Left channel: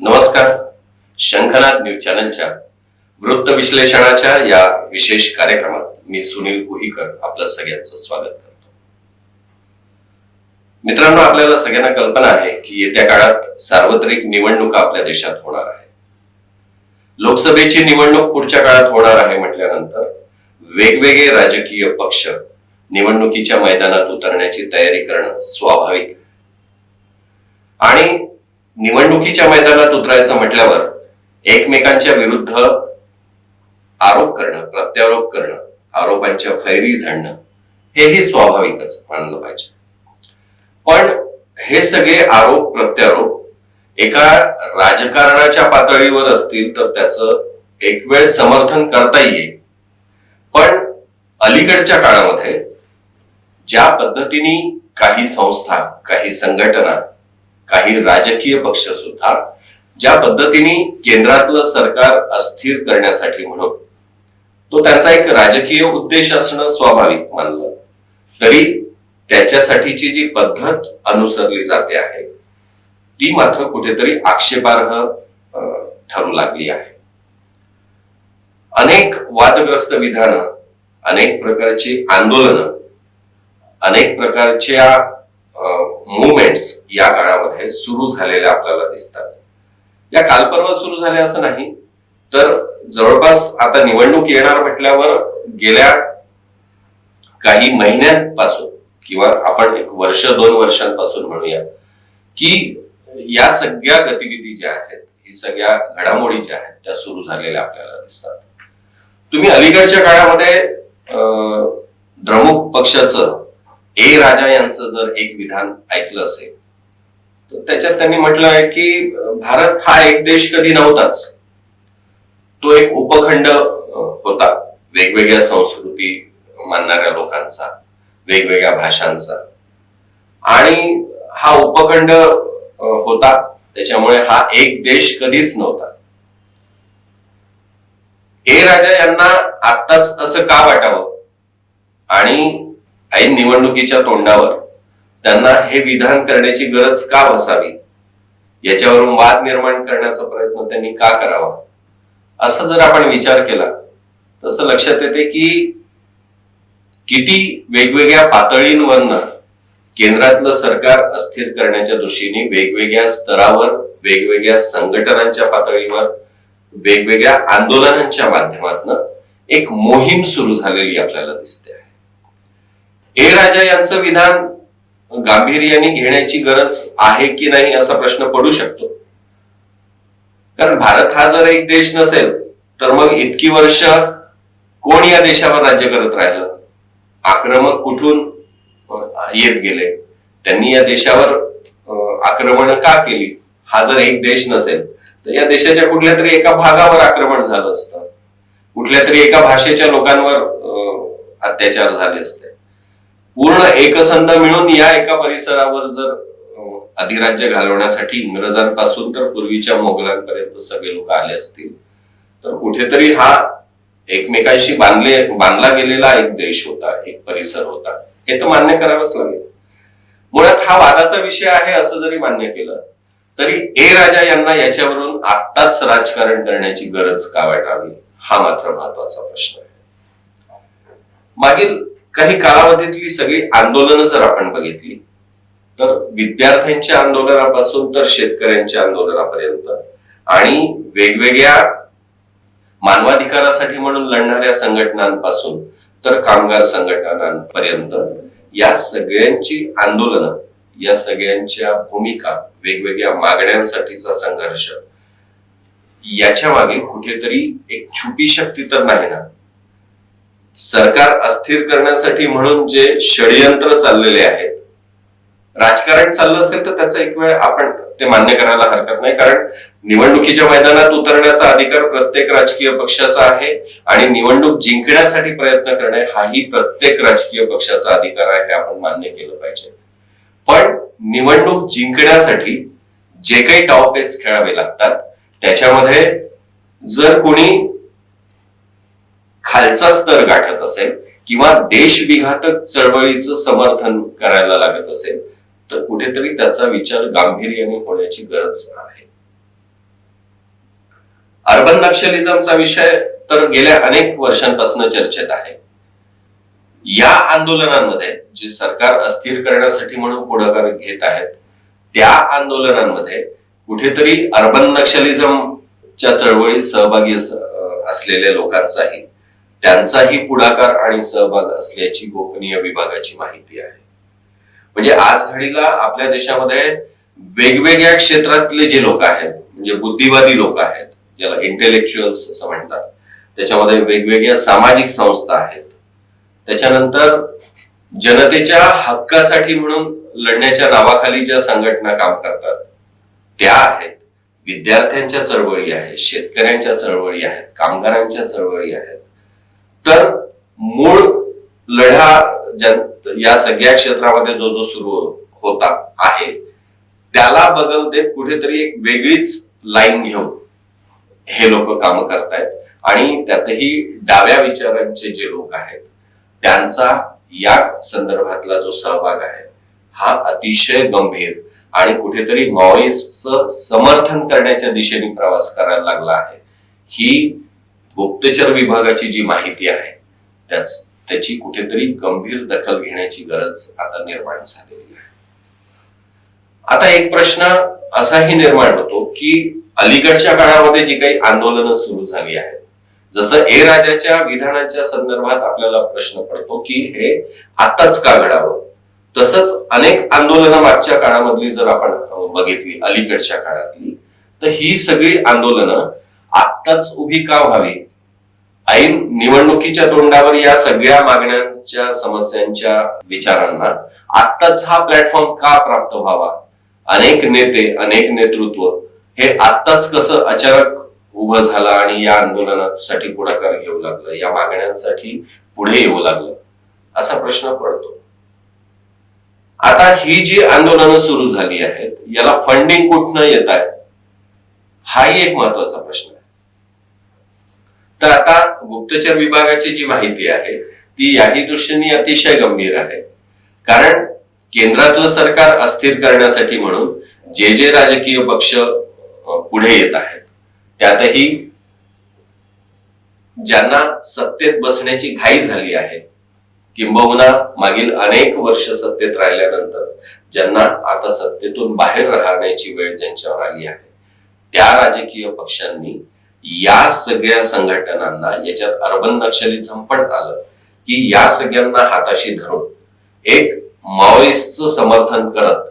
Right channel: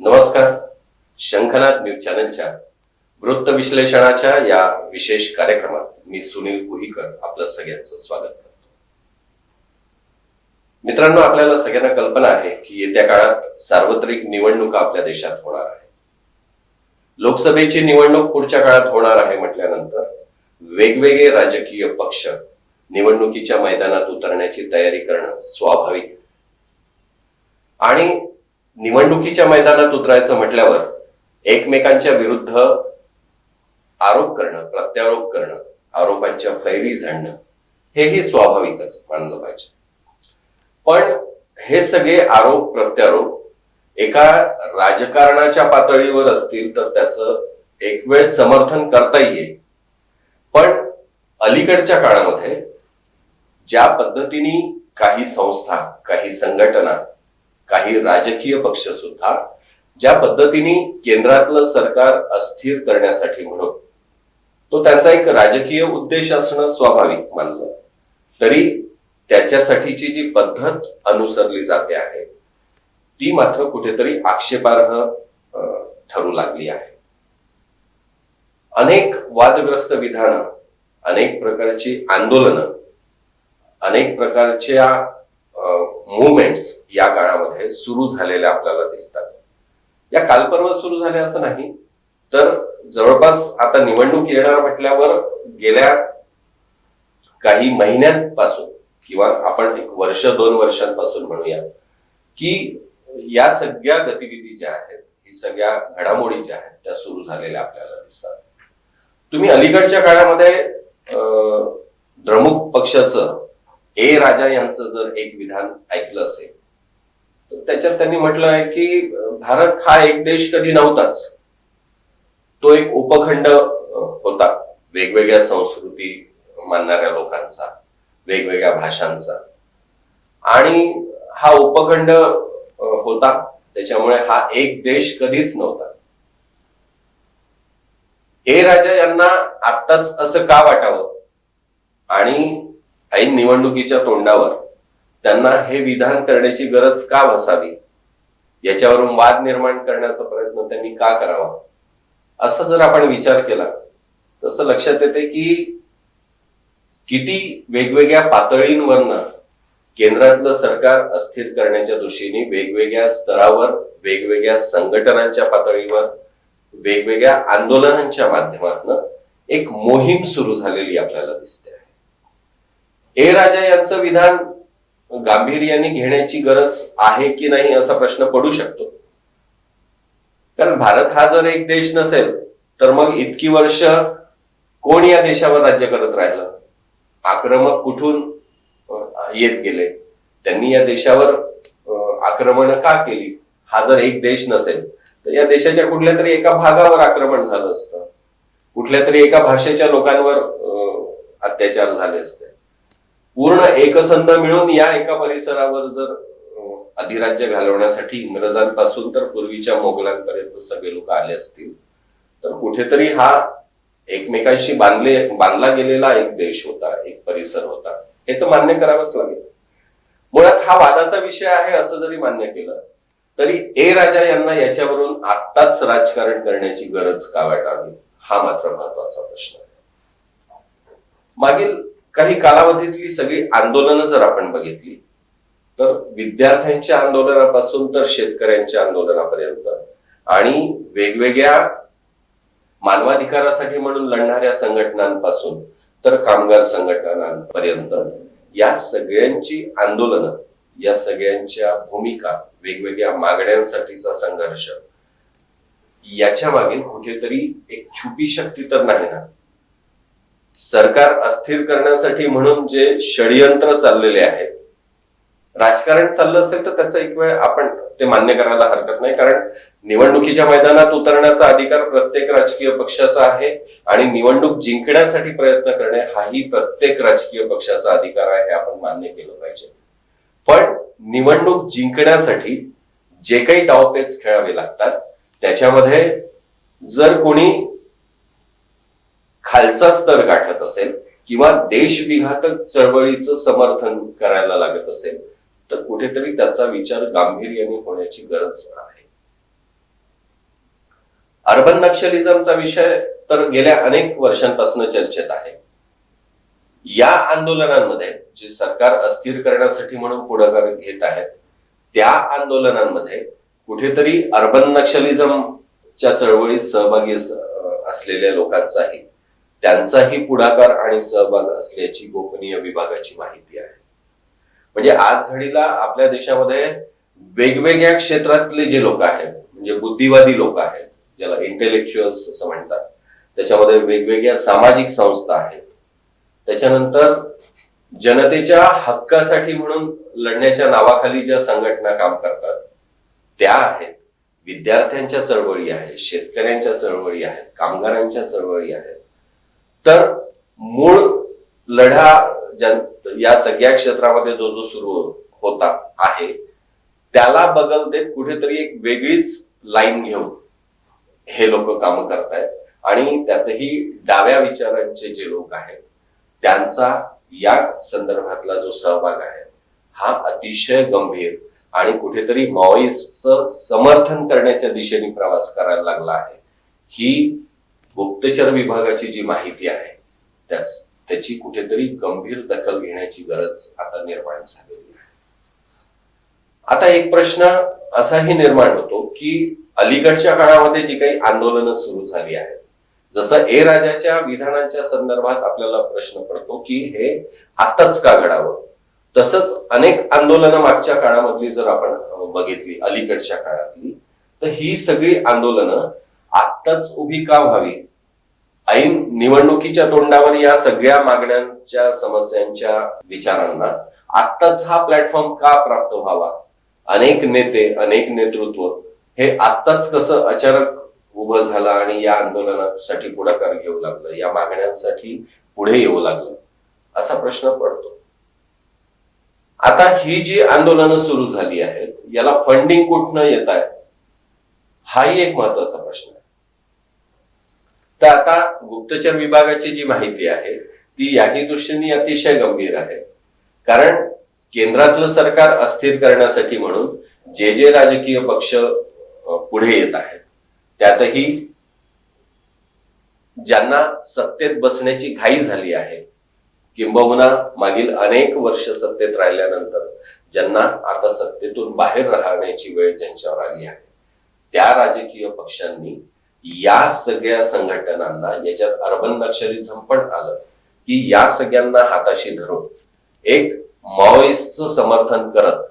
नमस्कार. शंखनाथ न्यूज चॅनलच्या वृत्त विश्लेषणाच्या या विशेष कार्यक्रमात मी सुनील कुहीकर आपलं सगळ्यांचं स्वागत करतो. मित्रांनो आपल्याला सगळ्यांना कल्पना आहे की येत्या काळात सार्वत्रिक निवडणुका आपल्या देशात होणार आहे लोकसभेची निवडणूक पुढच्या काळात होणार आहे म्हटल्यानंतर वेगवेगळे राजकीय पक्ष निवडणुकीच्या मैदानात उतरण्याची तयारी करणं स्वाभाविक. आणि निवडणुकीच्या मैदानात उतरायचं म्हटल्यावर एकमेकांच्या विरुद्ध आरोप करणं प्रत्यारोप करणं आरोपांच्या फैरी झाडणं हेही स्वाभाविकच मानलं पाहिजे. पण हे सगळे आरोप प्रत्यारोप एका राजकारणाच्या पातळीवर असतील तर त्याचं एक वेळ समर्थन करता येईल. पण अलीकडच्या काळामध्ये ज्या पद्धतीने काही संस्था काही संघटना काही राजकीय पक्ष सुद्धा ज्या पद्धतीने केंद्रातलं सरकार अस्थिर करण्यासाठी म्हणून तो त्यांचा एक राजकीय उद्देश असणं स्वाभाविक मानलं. तरी त्याच्यासाठीची जी पद्धत अनुसरली जाते आहे ती मात्र कुठेतरी आक्षेपार्ह ठरू लागली आहे. अनेक वादग्रस्त विधानं अनेक प्रकारची आंदोलनं अनेक प्रकारच्या मुवमेंट्स या काळामध्ये सुरू झालेल्या आपल्याला दिसतात. या कालपर्व सुरू झाल्या असं नाही तर जवळपास आता निवडणूक येणार म्हटल्यावर गेल्या काही महिन्यांपासून किंवा आपण एक वर्ष दोन वर्षांपासून म्हणूया की या सगळ्या गतिविधी ज्या आहेत ही सगळ्या घडामोडी ज्या आहेत त्या सुरू झालेल्या आपल्याला दिसतात. तुम्ही अलीकडच्या काळामध्ये अं, द्रमुक पक्षाचं ए राजा यांचं जर एक विधान ऐकलं असेल तर त्याच्यात त्यांनी म्हटलं आहे की भारत हा एक देश कधी नव्हताच. तो एक उपखंड होता. वेगवेगळ्या संस्कृती मानणाऱ्या लोकांचा वेगवेगळ्या भाषांचा. आणि हा उपखंड होता. त्याच्यामुळे हा एक देश कधीच नव्हता. हे राजा यांना आत्ताच असं का वाटावं? आणि ऐन निवडणुकीच्या तोंडावर त्यांना हे विधान करण्याची गरज का बसावी? याच्यावरून वाद निर्माण करण्याचा प्रयत्न त्यांनी का करावा? असा जर आपण विचार केला तसं लक्षात येते की किती वेगवेगळ्या पातळींवरनं केंद्रातलं सरकार अस्थिर करण्याच्या दृष्टीने वेगवेगळ्या स्तरावर वेगवेगळ्या संघटनांच्या पातळीवर वेगवेगळ्या आंदोलनांच्या माध्यमातून एक मोहीम सुरू झालेली आपल्याला दिसते आहे. ए राजा यांचं विधान गांभीर्याने घेण्याची गरज आहे की नाही असा प्रश्न पडू शकतो. कारण भारत हा जर एक देश नसेल तर मग इतकी वर्ष कोण या देशावर राज्य करत राहिलं? आक्रमक कुठून येत गेले. त्यांनी या देशावर आक्रमण का केली? हा जर एक देश नसेल तर या देशाच्या कुठल्या तरी एका भागावर आक्रमण झालं असतं. कुठल्या तरी एका भाषेच्या लोकांवर अत्याचार झाले असते. पूर्ण एकसंध मिळून या एका परिसरावर जर अधिराज्य घालवण्यासाठी इंग्रजांपासून तर पूर्वीच्या मोगलांपर्यंत सगळे लोक आले असतील तर कुठेतरी हा एकमेकांशी बांधले बांधला गेलेला एक देश होता एक परिसर होता. हे तर मान्य करावंच लागेल. मुळात हा वादाचा विषय आहे असं जरी मान्य केलं तरी ए राजा यांना याच्यावरून आत्ताच राजकारण करण्याची गरज का वाटावी? हा मात्र महत्त्वाचा प्रश्न आहे. मागील काही कालावधीतली सगळी आंदोलनं जर आपण बघितली तर विद्यार्थ्यांच्या आंदोलनापासून तर शेतकऱ्यांच्या आंदोलनापर्यंत आणि वेगवेगळ्या मानवाधिकारासाठी म्हणून लढणाऱ्या संघटनांपासून तर कामगार संघटनांपर्यंत या सगळ्यांची आंदोलनं या सगळ्यांच्या भूमिका वेगवेगळ्या मागण्यांसाठीचा संघर्ष याच्या मागे कुठेतरी एक छुपी शक्ती तर नाही ना? सरकार अस्थिर करण्यासाठी म्हणून जे षडयंत्र चाललेले आहेत राजकारण चाललं असेल तर त्याचा एक वेळ आपण ते मान्य करायला हरकत नाही. कारण निवडणुकीच्या मैदानात उतरण्याचा अधिकार प्रत्येक राजकीय पक्षाचा आहे आणि निवडणूक जिंकण्यासाठी प्रयत्न करणे हाही प्रत्येक राजकीय पक्षाचा अधिकार आहे हे आपण मान्य केलं पाहिजे. पण निवडणूक जिंकण्यासाठी जे काही डावपेच खेळावे लागतात त्याच्यामध्ये जर कोणी खालचा स्तर गाठत असेल किंवा देशविघातक चळवळीचं समर्थन करायला लागत असेल तर कुठेतरी त्याचा विचार गांभीर्याने होण्याची गरज आहे. अर्बन नक्षलिझमचा विषय तर गेल्या अनेक वर्षांपासून चर्चेत आहे. या आंदोलनांमध्ये जे सरकार अस्थिर करण्यासाठी म्हणून पुढाकार घेत आहेत त्या आंदोलनांमध्ये कुठेतरी अर्बन नक्षलिझमच्या चळवळीत सहभागी असलेल्या लोकांचाही त्यांचाही पुढाकार आणि सहभाग असल्याची गोपनीय विभागाची माहिती आहे. म्हणजे आज घडीला आपल्या देशामध्ये वेगवेगळ्या क्षेत्रातले जे लोक आहेत म्हणजे बुद्धिवादी लोक आहेत ज्याला इंटेलेक्च्युअल्स असं म्हणतात त्याच्यामध्ये वेगवेगळ्या सामाजिक संस्था आहेत. त्याच्यानंतर जनतेच्या हक्कासाठी म्हणून लढण्याच्या नावाखाली ज्या संघटना काम करतात त्या आहेत. विद्यार्थ्यांच्या चळवळी आहेत शेतकऱ्यांच्या चळवळी आहेत कामगारांच्या चळवळी आहेत. तर मूळ लढा या सगळ्या क्षेत्रामध्ये जो जो सुरू होता आहे त्याला बगल देत कुठेतरी एक वेगळीच लाईन घेऊन हे लोक काम करतायत. आणि त्यातही डाव्या विचारांचे जे लोक आहेत त्यांचा या संदर्भातला जो सहभाग आहे हा अतिशय गंभीर आणि कुठेतरी माओइस्टचं समर्थन करण्याच्या दिशेने प्रवास करायला लागला आहे. ही गुप्तचर विभागाची जी माहिती आहे त्याच त्याची कुठेतरी गंभीर दखल घेण्याची गरज आता निर्माण झालेली आहे. आता एक प्रश्न असाही निर्माण होतो की अलीकडच्या काळामध्ये जी काही आंदोलनं सुरू झाली आहेत जसं ए राजाच्या विधानाच्या संदर्भात आपल्याला प्रश्न पडतो की हे आताच का घडावं? तसंच अनेक आंदोलनं मागच्या काळामधली जर आपण बघितली अलीकडच्या काळातली तर ही सगळी आंदोलनं आत्ताच उभी का व्हावी? ऐन निवडणुकीच्या तोंडावर या सगळ्या मागण्यांच्या समस्यांच्या विचारांना आत्ताच हा प्लॅटफॉर्म का प्राप्त व्हावा? अनेक नेते अनेक नेतृत्व हे आत्ताच कसं अचानक उभं झालं आणि या आंदोलनासाठी पुढाकार घेऊ लागलं? या मागण्यांसाठी पुढे येऊ लागलं? असा प्रश्न पडतो. आता ही जी आंदोलनं सुरू झाली आहेत याला फंडिंग कुठनं येत आहे? हाही एक महत्त्वाचा प्रश्न. तर आता गुप्तचर विभागाची जी माहिती आहे ती याही दृष्टीने अतिशय गंभीर आहे. कारण केंद्रातलं सरकार अस्थिर करण्यासाठी म्हणून जे जे राजकीय पक्ष पुढे येत आहेत त्यातही ज्यांना सत्तेत बसण्याची घाई झाली आहे किंबहुना मागील अनेक वर्ष सत्तेत राहिल्यानंतर ज्यांना आता सत्तेतून बाहेर राहण्याची वेळ ज्यांच्यावर आली आहे त्या राजकीय पक्षांनी या सगळ्या संघटनांना याच्यात अर्बन नक्षलिझम पण आलं की या सगळ्यांना हाताशी धरून एक माओइस्टचं समर्थन करत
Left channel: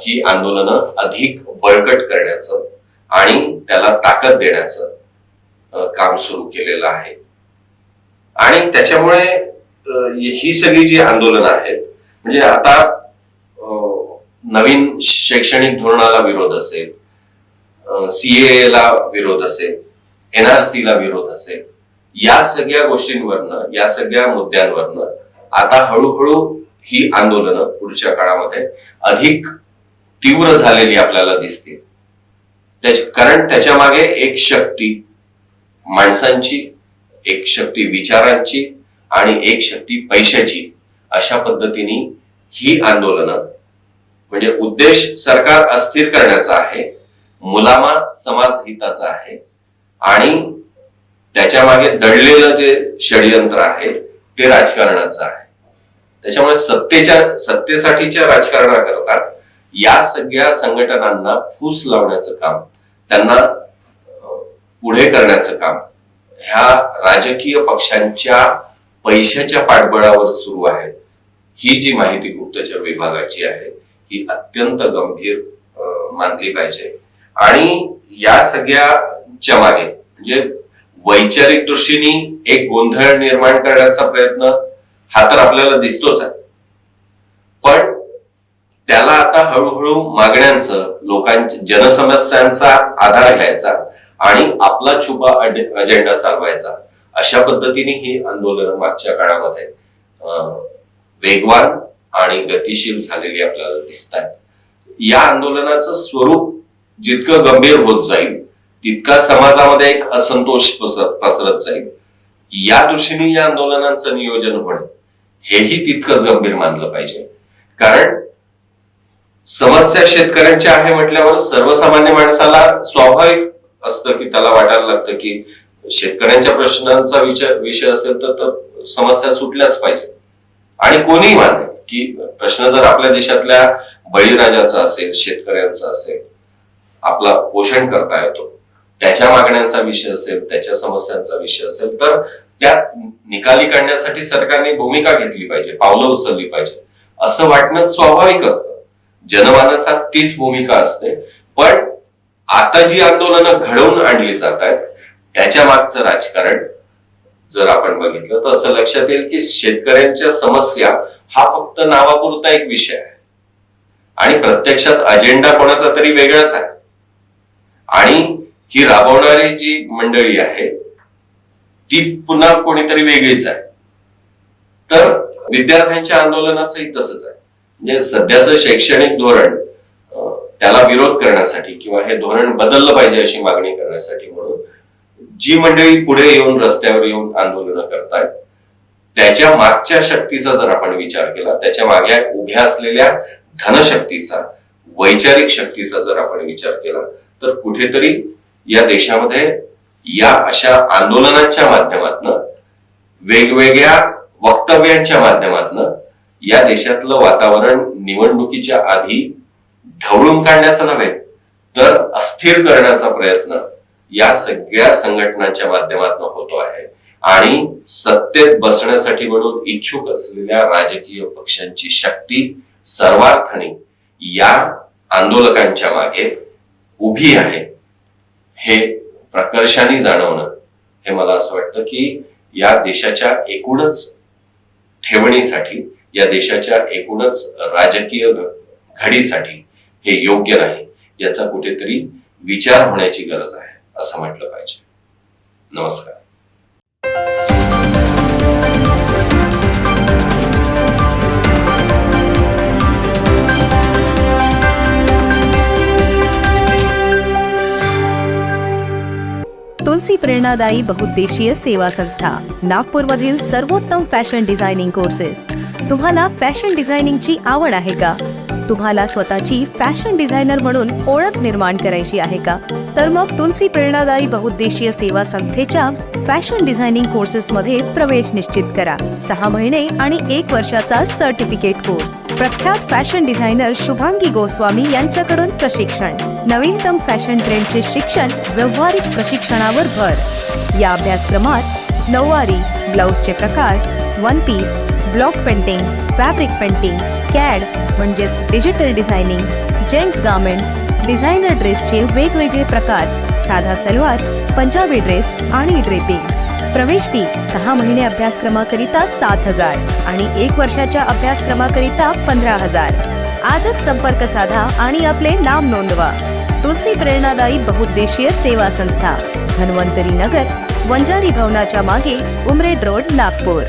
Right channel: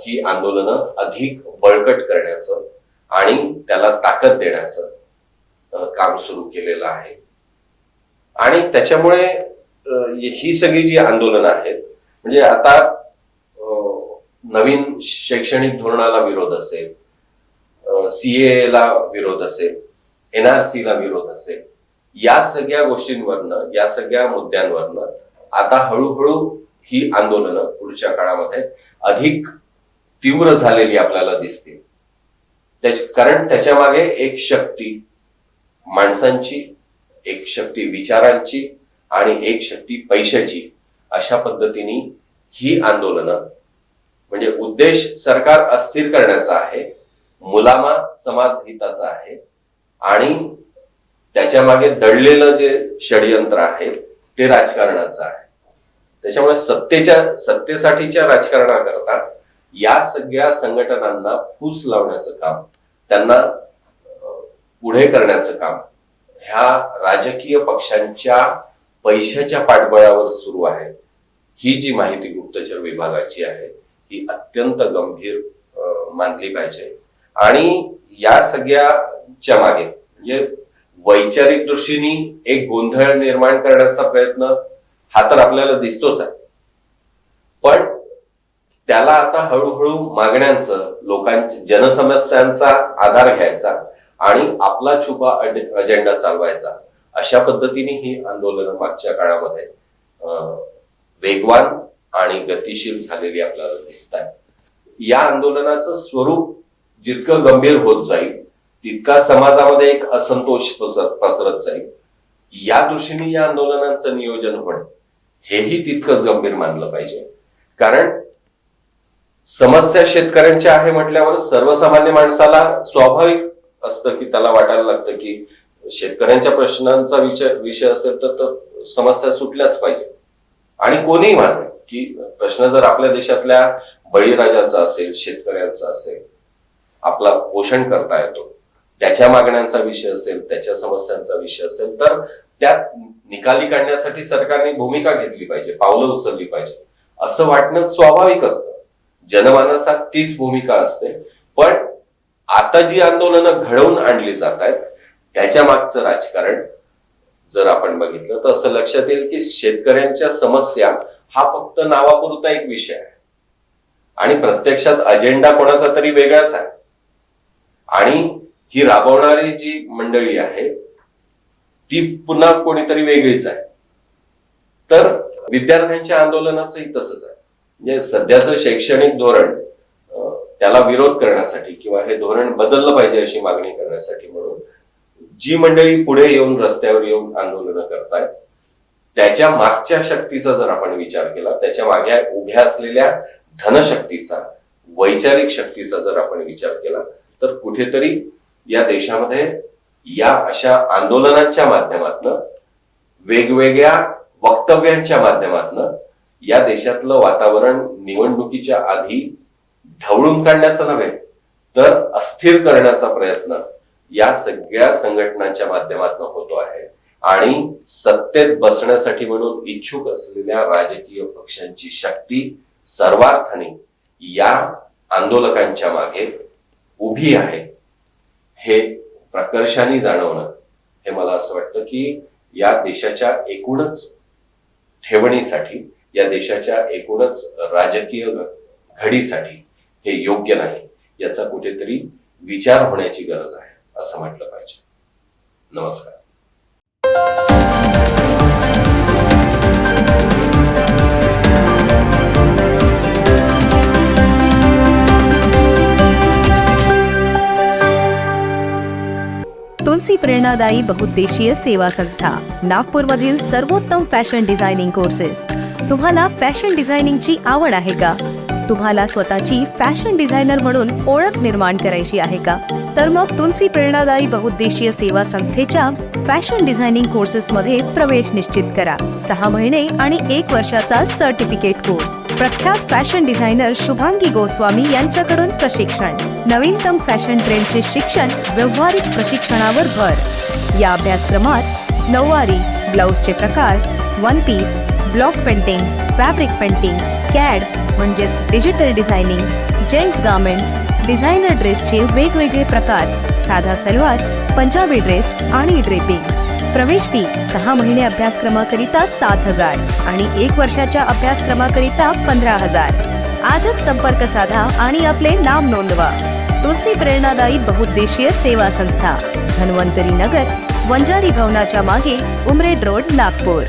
ही आंदोलनं अधिक बळकट करण्याचं आणि त्याला ताकद देण्याचं काम सुरू केलेलं आहे. आणि त्याच्यामुळे ही सगळी जी आंदोलनं आहेत म्हणजे आता नवीन शैक्षणिक धोरणाला विरोध असेल सीए ला विरोध असेल एनआरसी ला विरोध असेल या सगळ्या गोष्टींवरनं या सगळ्या मुद्द्यांवरनं आता हळूहळू ही आंदोलनं पुढच्या काळामध्ये अधिक तीव्र झालेली आपल्याला दिसतील कारण त्याच्यामागे एक शक्ती माणसांची एक शक्ती विचारांची आणि एक शक्ती पैशाची अशा पद्धतीने ही आंदोलनं म्हणजे उद्देश सरकार अस्थिर करण्याचा आहे मुलामा समाज हिताचा आहे. आणि त्याच्यामागे दडलेलं जे षडयंत्र आहे ते राजकारणाचं आहे. त्याच्यामुळे सत्तेच्या सत्तेसाठीच्या राजकारणाकरता या सगळ्या संघटनांना फूस लावण्याचं काम त्यांना पुढे करण्याचं काम ह्या राजकीय पक्षांच्या पैशाच्या पाठबळावर सुरू आहे. ही जी माहिती गुप्तचर विभागाची आहे ही अत्यंत गंभीर मानली पाहिजे. आणि या सगळ्याच्या मागे म्हणजे वैचारिक दृष्टीने एक गोंधळ निर्माण करण्याचा प्रयत्न हा तर आपल्याला दिसतोच आहे. पण त्याला आता हळूहळू मागण्यांचं लोकांच्या जनसमस्यांचा आधार घ्यायचा आणि आपला छुपा अजेंडा चालवायचा. अशा पद्धतीने ही आंदोलनं मागच्या काळामध्ये अं, वेगवान आणि गतिशील झालेली आपल्याला दिसत आहेत या आंदोलनाचं स्वरूप जितकं गंभीर होत जाईल तितका समाजामध्ये एक असंतोष पसरत जाईल. या दृष्टीने या आंदोलनांचं नियोजन होणे हेही तितकंच गंभीर मानलं पाहिजे. कारण समस्या शेतकऱ्यांच्या आहे म्हटल्यावर सर्वसामान्य माणसाला स्वाभाविक असतं की त्याला वाटायला लागतं की शेतकऱ्यांच्या प्रश्नांचा विचार विषय असेल तर तर समस्या सुटल्याच पाहिजे. आणि कोणीही माने की प्रश्न जर आपल्या देशातल्या बळीराजाचा असेल शेतकऱ्यांचा असेल आपला पोषण करता येतो. त्याच्या मागण्यांचा विषय असेल त्याच्या समस्यांचा विषय असेल तर त्यात निकाली काढण्यासाठी सरकारने भूमिका घेतली पाहिजे पावलं उचलली पाहिजे. असं वाटणं स्वाभाविक असतं. जनमानसात तीच भूमिका असते. पण आता जी आंदोलनं घडवून आणली जात आहेत त्याच्या मागचं राजकारण जर आपण बघितलं तर असं लक्षात येईल की शेतकऱ्यांच्या समस्या हा फक्त नावापुरता एक विषय आहे. आणि प्रत्यक्षात अजेंडा कोणाचा तरी वेगळाच आहे. आणि ही राबवणारी जी मंडळी आहे ती पुन्हा कोणीतरी वेगळीच आहे. तर विद्यार्थ्यांच्या आंदोलनाचंही तसंच आहे. म्हणजे सध्याचं शैक्षणिक धोरण त्याला विरोध करण्यासाठी किंवा हे धोरण बदललं पाहिजे अशी मागणी करण्यासाठी म्हणून जी मंडळी पुढे येऊन रस्त्यावर येऊन आंदोलनं करतायत त्याच्या मागच्या शक्तीचा जर आपण विचार केला त्याच्यामागे उभ्या असलेल्या धनशक्तीचा वैचारिक शक्तीचा जर आपण विचार केला तर कुठेतरी या देशामध्ये या अशा आंदोलनांच्या माध्यमातनं वेगवेगळ्या वक्तव्यांच्या माध्यमातनं या देशातलं वातावरण निवडणुकीच्या आधी ढवळून काढण्याचा नव्हे तर अस्थिर करण्याचा प्रयत्न या सगळ्या संघटनांच्या माध्यमातून होतो आहे. आणि सत्तेत बसण्यासाठी म्हणून इच्छुक असलेल्या राजकीय पक्षांची शक्ती सर्वार्थाने या आंदोलकांच्या मागे उभी आहे. हे प्रकर्षाने जाणवणं. हे मला असं वाटतं की या देशाच्या एकूणच ठेवणीसाठी या देशाच्या एकूणच राजकीय घडीसाठी हे योग्य नाही. याचा कुठेतरी विचार होण्याची गरज आहे असं म्हटलं पाहिजे. नमस्कार. तुलसी प्रेरणादायी बहुद्देशीय सेवा संस्था नागपूरमधील सर्वोत्तम फॅशन डिझायनिंग कोर्सेस. तुम्हाला फॅशन डिझायनिंगची आवड आहे का? तुम्हाला स्वतःची फॅशन डिझायनर म्हणून ओळख निर्माण करायची आहे का? तर मग तुलसी प्रेरणादायी बहुद्देशीय सेवा संस्थेच्या फॅशन डिझायनिंग कोर्सेसमध्ये प्रवेश निश्चित करा. सहा महिने आणि एक वर्षाचा सर्टिफिकेट कोर्स. प्रख्यात फॅशन डिझायनर शुभांगी गोस्वामी यांच्याकडून प्रशिक्षण. नवीनतम फॅशन ट्रेंडचे शिक्षण व्यवहारिक प्रशिक्षणावर भर. या अभ्यासक्रमात नऊवारी ब्लाऊजचे प्रकार one piece block painting fabric painting CAD म्हणजेच digital designing gent garment designer ड्रेसचे वेगवेगळे प्रकार साधा सलवार पंजाबी ड्रेस आणि ड्रेपिंग. प्रवेश फी सहा महिने अभ्यासक्रमाकरिता सात हजार आणि एक वर्षाच्या अभ्यासक्रमाकरिता पंधरा हजार. आजच संपर्क साधा आणि आपले नाव नोंदवा. तुलसी प्रेरणादायी बहुद्देशीय सेवा संस्था धन्वंतरी नगर वंजारी भवनाच्या मागे उमरेड रोड नागपूर.